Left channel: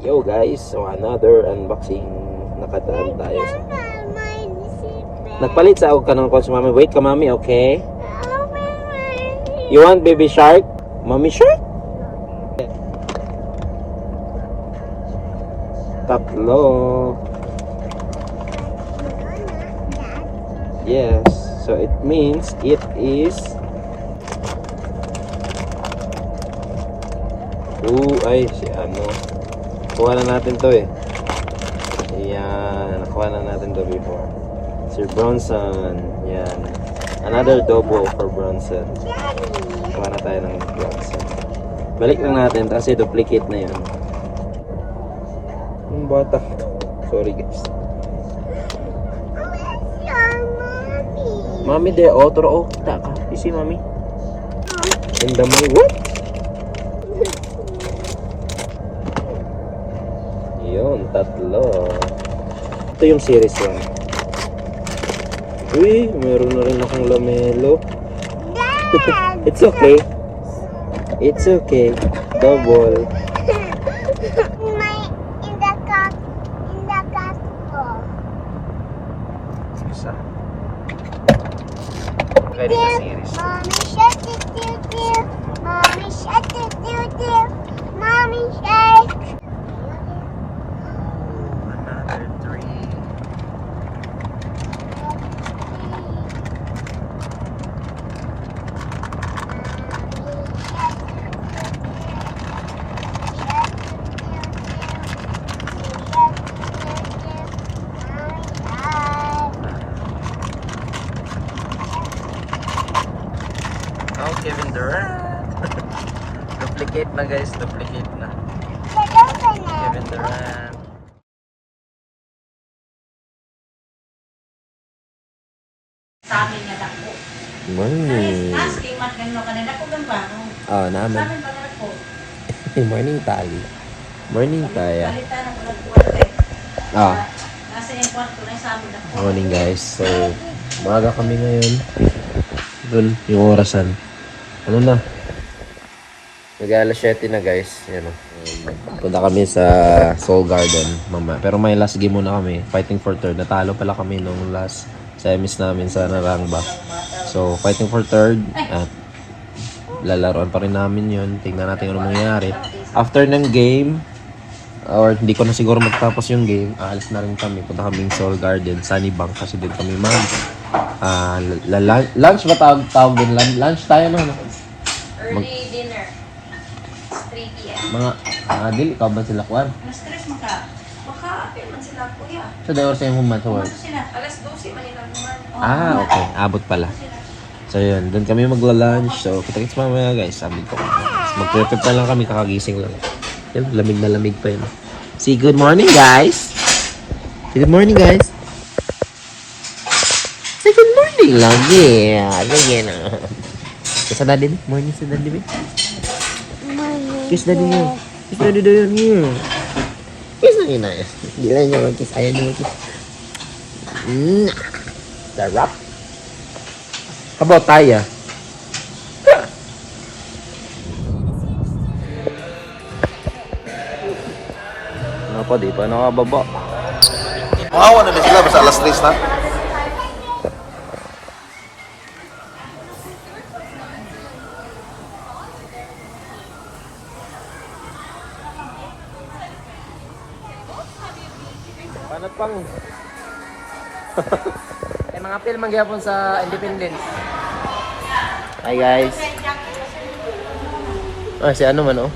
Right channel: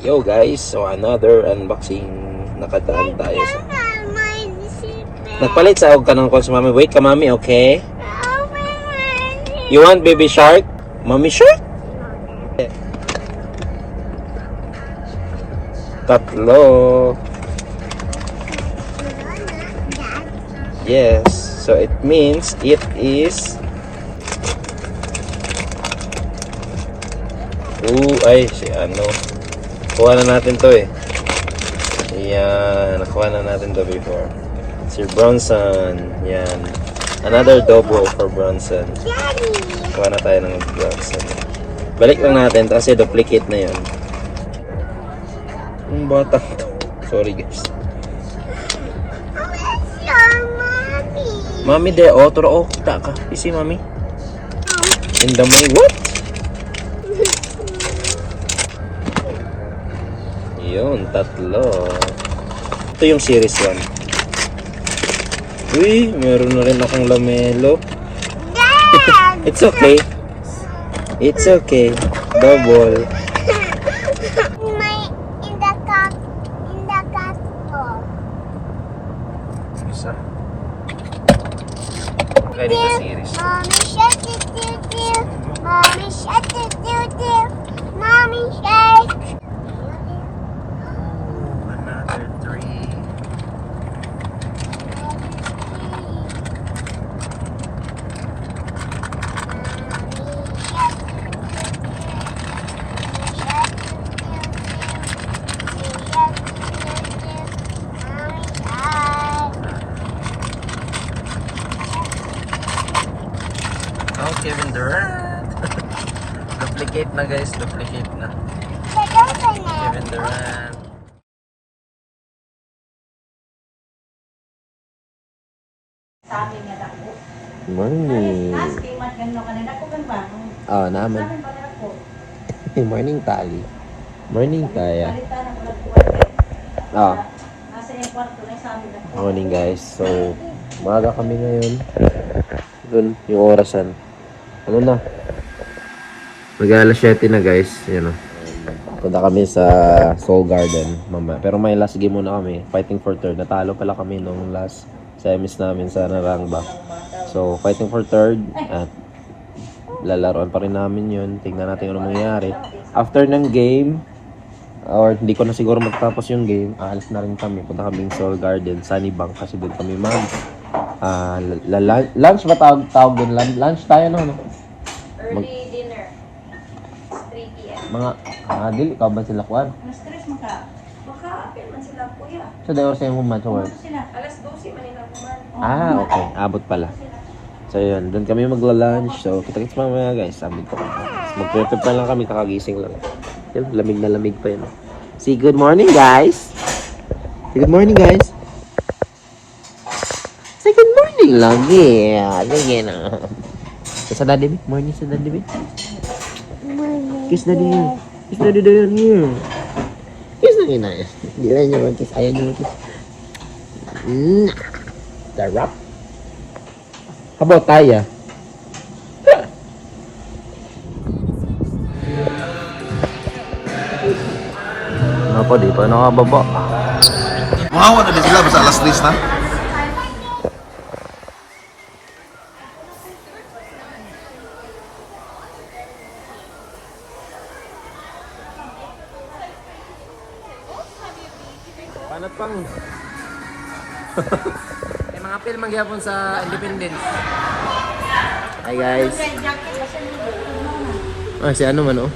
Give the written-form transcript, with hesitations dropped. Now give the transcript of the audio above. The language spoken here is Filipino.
Yo guys, so another unboxing. Nakadaan tayo. Nagpalit sa ako kanong ko sa mami. Wait ka mami, okay? You want baby shark? Mommy shark? Tatlo. Yes, so it means it is si ano. Kuha na natin to eh. Ayan, nakuha na natin to before. Si Bronson. Yan. Another double for Bronson. Kuha na tayo ng Bronson. Balik lang natin kasi duplicate na yan. Yung batang to. Sorry guys. Mami de, turo kita ka. Isi mami. In the may what? Yun, tatlo. Ito yung series 1. Uy, meron na rin akong lamelo. It's okay. It's okay. Double. In the cup bowl. Isa. Ready na series. Mommy shark do. Mommy shark do. Mommy shark. Another 3. Oh, Kevin Durant. Duplicate na guys, duplicate na. Kevin Durant. Morning. Oh, naman. Morning tali. Morning taya. Oh. Morning guys. So, maaga kami ngayon. Doon yung orasan. Ano na? Mag-alas 7 na guys. Yan o. Punta kami sa Soul Garden. Mama. Pero may last game muna kami. Fighting for third. Natalo pala kami nung last semis namin sa Narangba. So, fighting for third. At lalaroan pa rin namin yun. Tingnan natin ano mangyayari. After ng game, or hindi ko na siguro magtapos yung game, aalis na rin kami. Punta kaming Soul Garden, Sunnybank. Kasi doon kami lunch ba tawag din? Lunch tayo no? Early dinner. 3 p.m. Mga, dili, ikaw ba sila kuwan? Na-stress mo ka. Baka apil man sila kuya. So, they were saying human sa work? Sila. Alas 12 man nila naman. Okay. Abot pala. So, yun. Doon kami magla-lunch. So, kita-kits mamaya, guys. Sabi ko. Mag-prepare na lang kami. Kakagising lang. Yun, lamig na lamig pa yun. Say good morning, guys! Say good morning, guys! Say good morning lagi. Lagi na. Kiss sa daddy, morning sa daddy, babe. Kiss daddy niyo. Kiss daddy doon niyo. Kiss na yun na. Hindi lang niyo mag-kiss. Ayaw niyo mag-kiss. Sarap. Kabot tayo. Apa di pa nakababa. Mga na ba sila basta alas 3 na? Panat pang. Mga film magyapon sa Independence. Hi guys. Si ano man oh.